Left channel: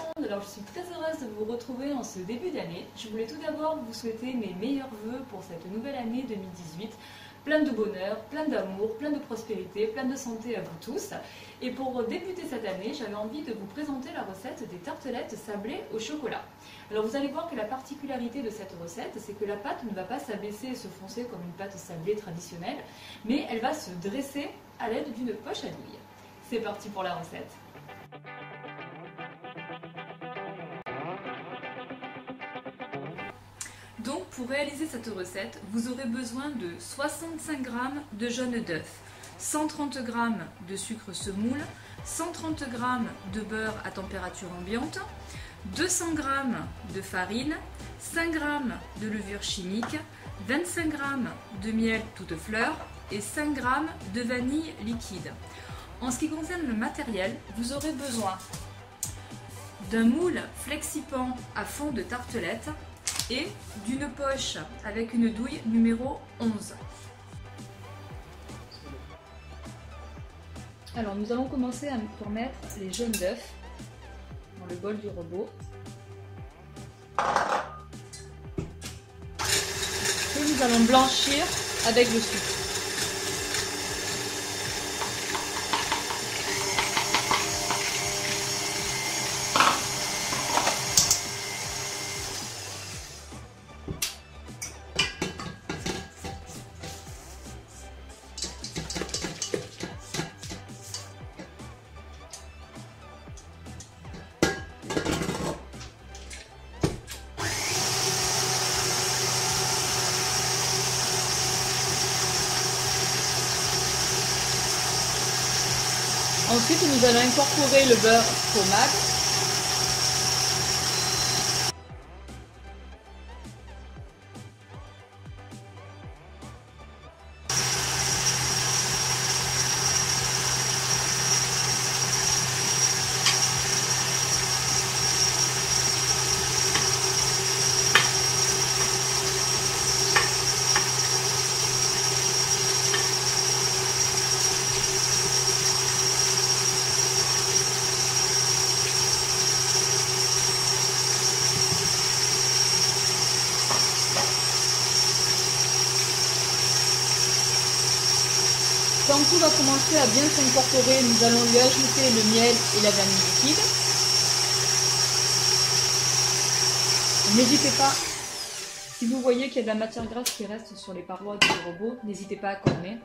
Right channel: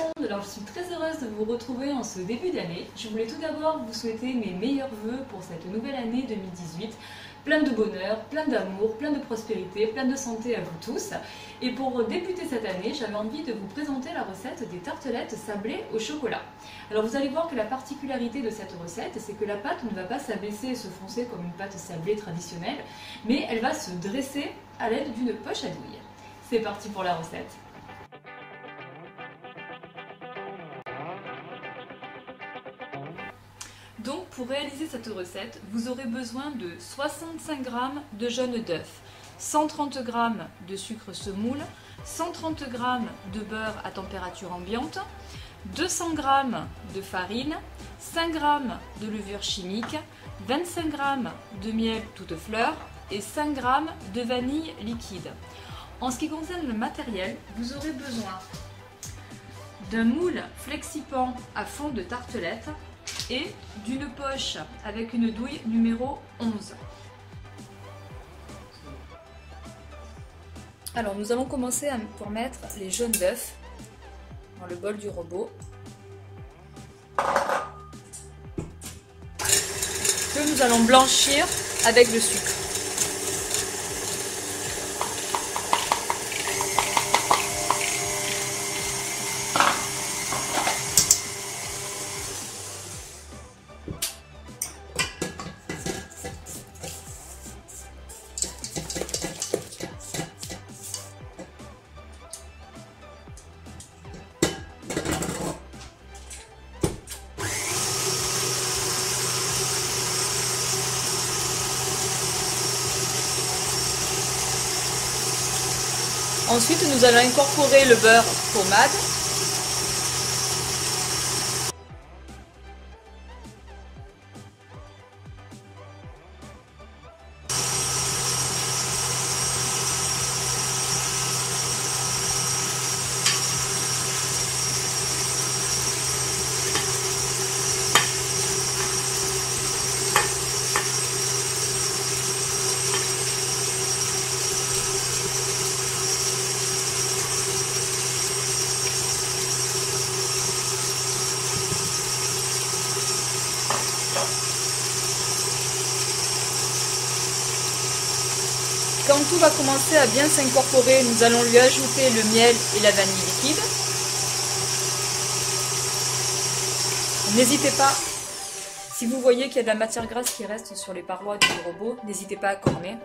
monde, alors je suis très heureuse de vous retrouver en ce début d'année. Je voulais tout d'abord vous souhaiter mes meilleurs vœux pour cette nouvelle année 2018. Plein de bonheur, plein d'amour, plein de prospérité, plein de santé à vous tous. Et pour débuter cette année, j'avais envie de vous présenter la recette des tartelettes sablées au chocolat. Alors vous allez voir que la particularité de cette recette, c'est que la pâte ne va pas s'abaisser et se foncer comme une pâte sablée traditionnelle, mais elle va se dresser à l'aide d'une poche à douille. C'est parti pour la recette. Donc pour réaliser cette recette, vous aurez besoin de 65 g de jaune d'œuf, 130 g de sucre semoule, 130 g de beurre à température ambiante, 200 g de farine, 5 g de levure chimique, 25 g de miel toute fleur et 5 g de vanille liquide. En ce qui concerne le matériel, vous aurez besoin d'un moule flexipan à fond de tartelette et d'une poche avec une douille numéro 11. Alors nous allons commencer pour mettre les jaunes d'œufs dans le bol du robot que nous allons blanchir avec le sucre. Ensuite, nous allons incorporer le beurre pommade. Quand tout va commencer à bien s'incorporer, nous allons lui ajouter le miel et la vanille liquide. N'hésitez pas, si vous voyez qu'il y a de la matière grasse qui reste sur les parois du robot, n'hésitez pas à corner.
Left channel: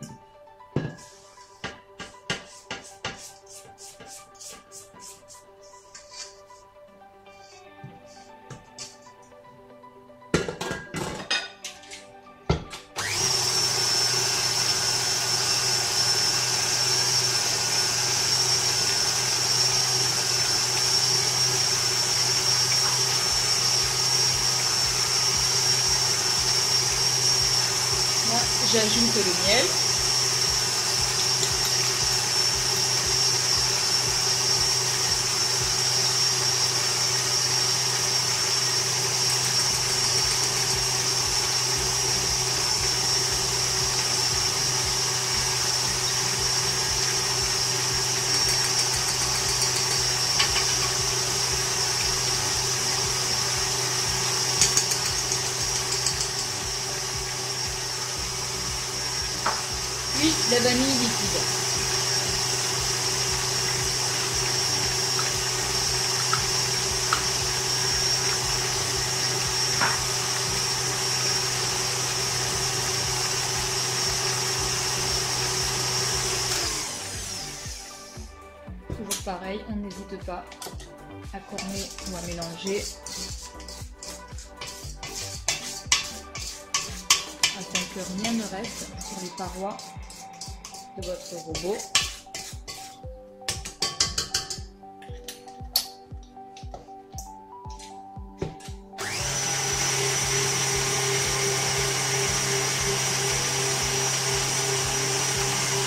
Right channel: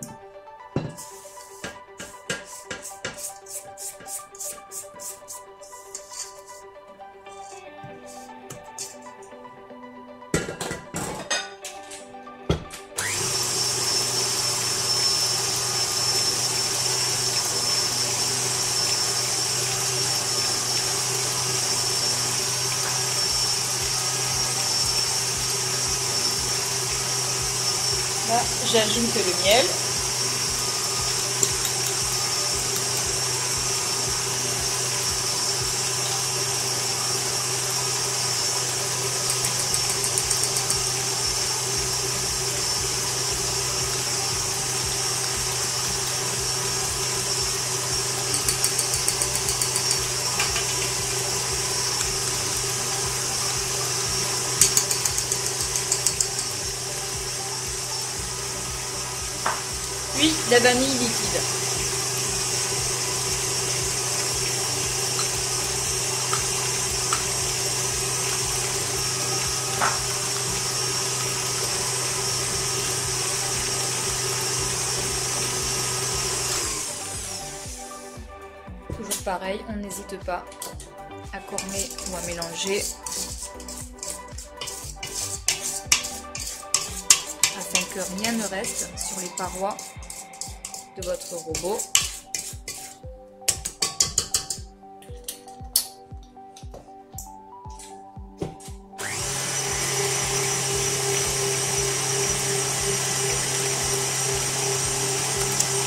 J'ajoute le miel. Puis la vanille liquide. Toujours pareil, on n'hésite pas à corner ou à mélanger afin que rien ne reste sur les parois de votre robot.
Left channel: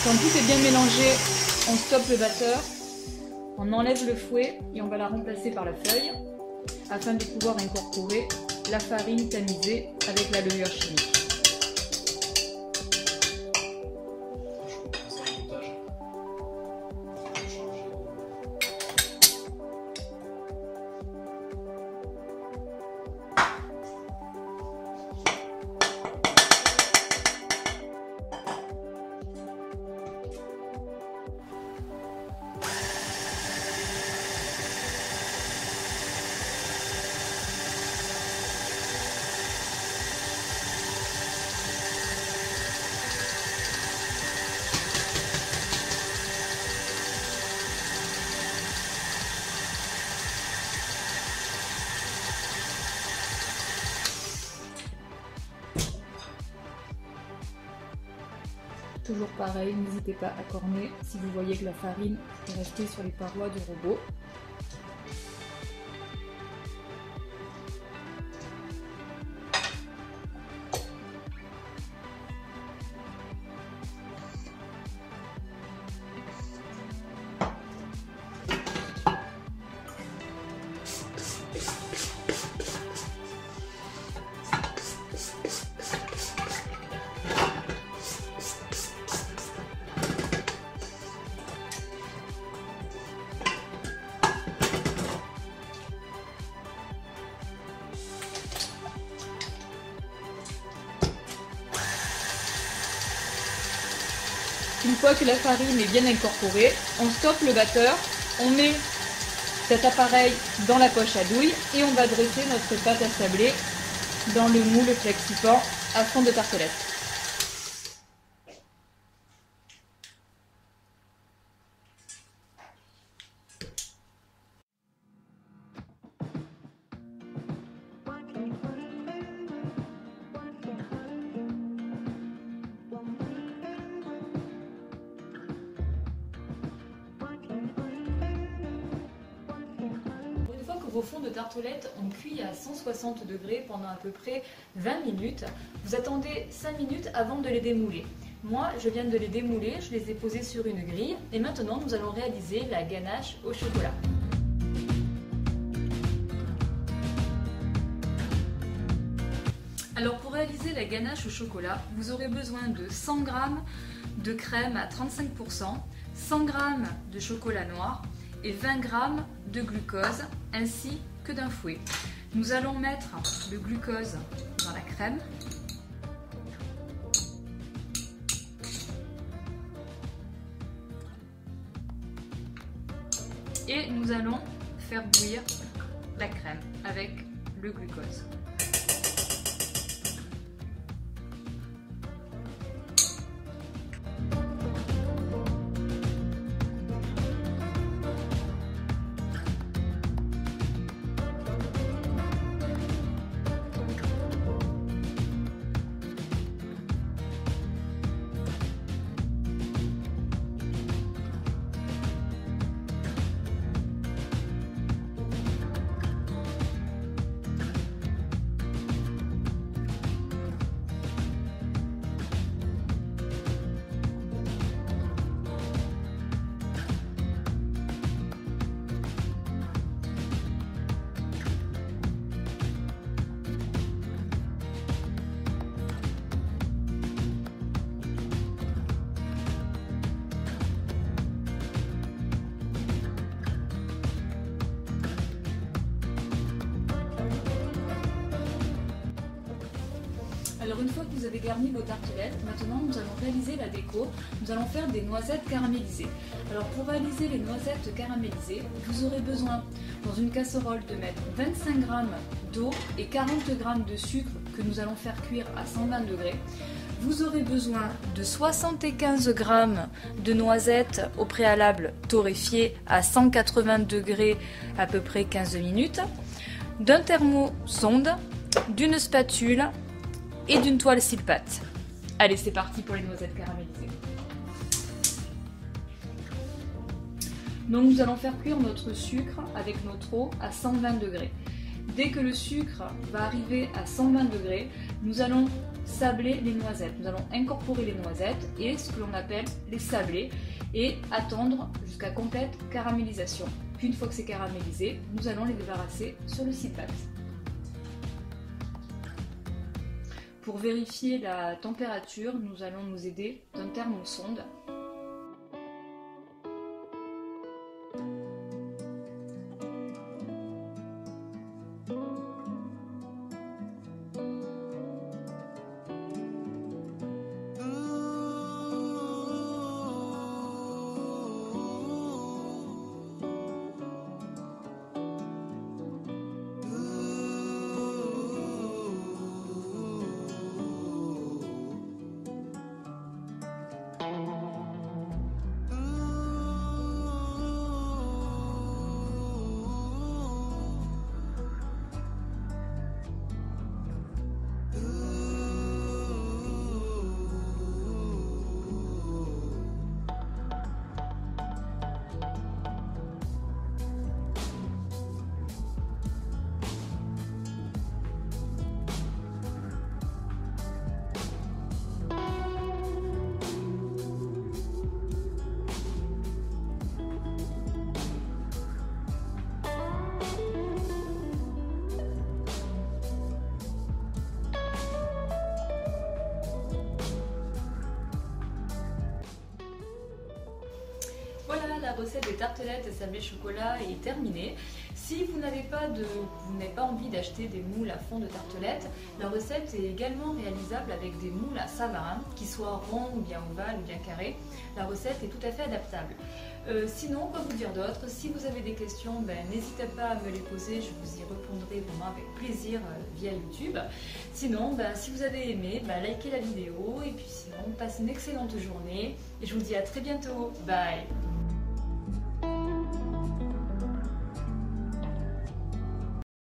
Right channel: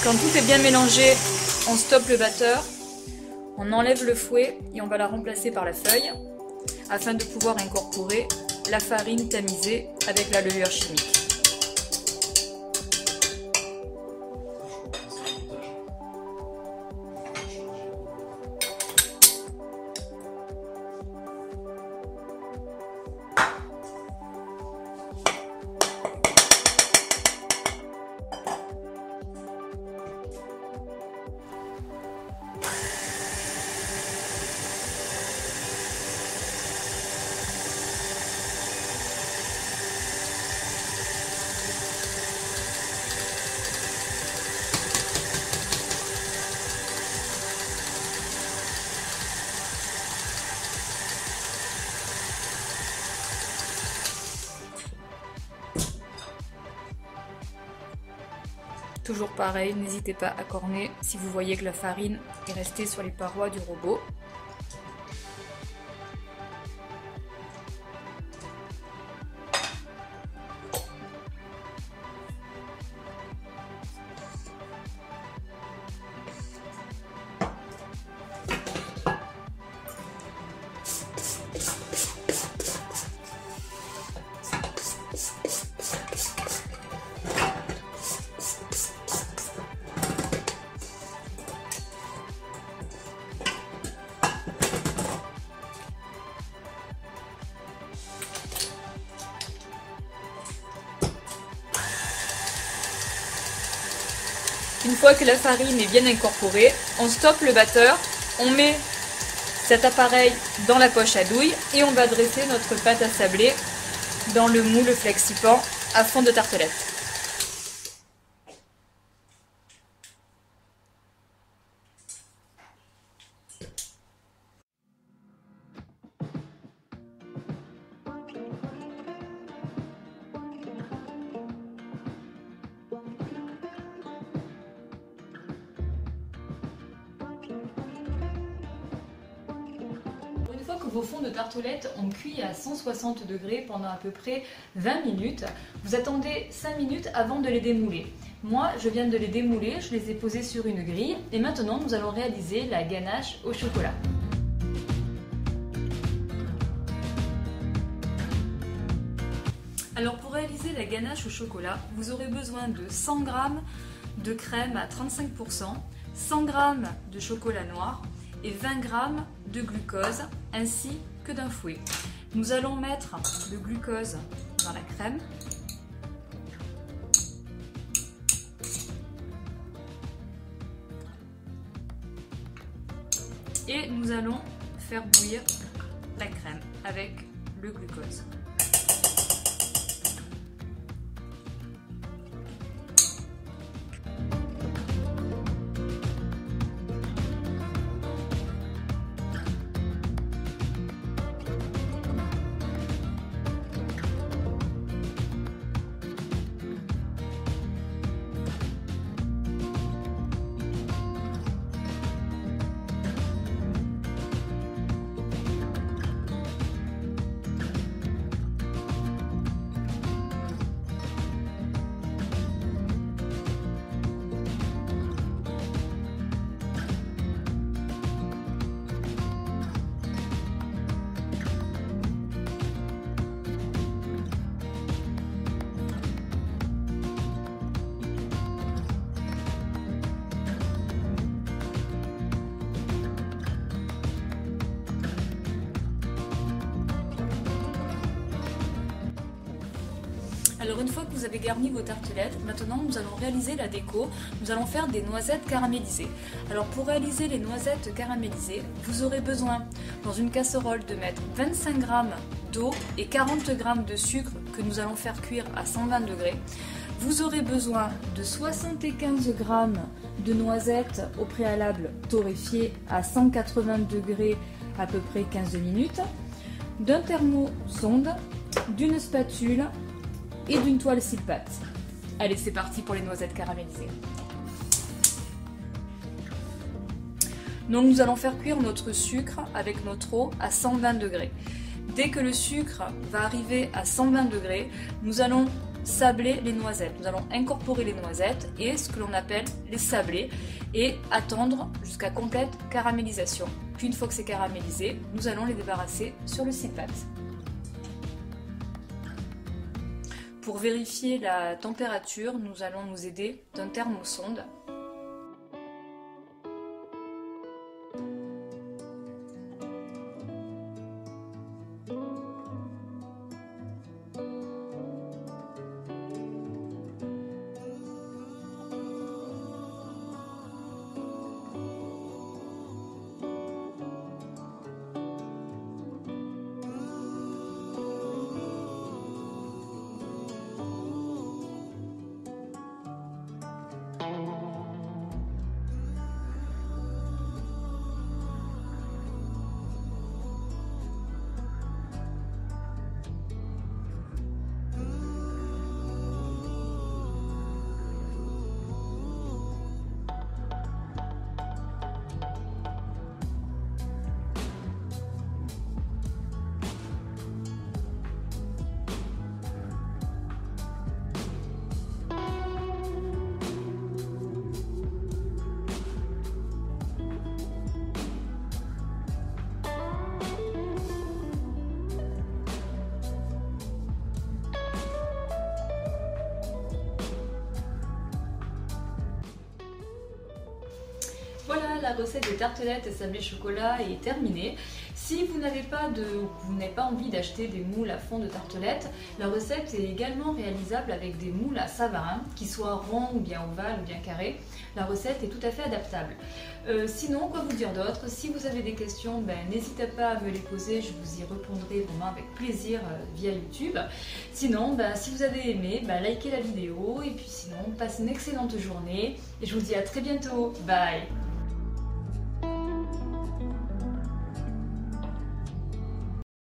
Quand tout est bien mélangé, on stoppe le batteur, on enlève le fouet et on va la remplacer par la feuille afin de pouvoir incorporer la farine tamisée avec la levure chimique. pareil, n'hésitez pas à corner si vous voyez que la farine est restée sur les parois du robot. Une fois que la farine est bien incorporée, on stoppe le batteur, on met cet appareil dans la poche à douille et on va dresser notre pâte à sabler dans le moule Flexipan à fond de tartelette. Tartelettes, on cuit à 160 degrés pendant à peu près 20 minutes. Vous attendez 5 minutes avant de les démouler. Moi, je viens de les démouler, je les ai posés sur une grille et maintenant nous allons réaliser la ganache au chocolat. Alors pour réaliser la ganache au chocolat, vous aurez besoin de 100 g de crème à 35%, 100 g de chocolat noir et 20 g de glucose ainsi que d'un fouet. Nous allons mettre le glucose dans la crème. Et nous allons faire bouillir la crème avec le glucose. Alors une fois que vous avez garni vos tartelettes, maintenant nous allons réaliser la déco. Nous allons faire des noisettes caramélisées. Alors pour réaliser les noisettes caramélisées, vous aurez besoin dans une casserole de mettre 25 g d'eau et 40 g de sucre que nous allons faire cuire à 120 degrés. Vous aurez besoin de 75 g de noisettes au préalable torréfiées à 180 degrés à peu près 15 minutes, d'un thermosonde, d'une spatule et d'une toile cile-pâte. Allez, c'est parti pour les noisettes caramélisées. Donc nous allons faire cuire notre sucre avec notre eau à 120 degrés. Dès que le sucre va arriver à 120 degrés, nous allons sabler les noisettes. Nous allons incorporer les noisettes et ce que l'on appelle les sabler et attendre jusqu'à complète caramélisation. Puis une fois que c'est caramélisé, nous allons les débarrasser sur le cile-pâte. Pour vérifier la température, nous allons nous aider d'un thermosonde. recette des tartelettes et sablés chocolat est terminée. Si vous n'avez pas envie d'acheter des moules à fond de tartelettes, la recette est également réalisable avec des moules à Savarin, qui soient ronds ou bien ovales ou bien carrés. La recette est tout à fait adaptable. Sinon, quoi vous dire d'autre? Si vous avez des questions, n'hésitez pas à me les poser, je vous y répondrai vraiment avec plaisir via YouTube. Sinon, si vous avez aimé, likez la vidéo et puis sinon, passez une excellente journée et je vous dis à très bientôt. Bye!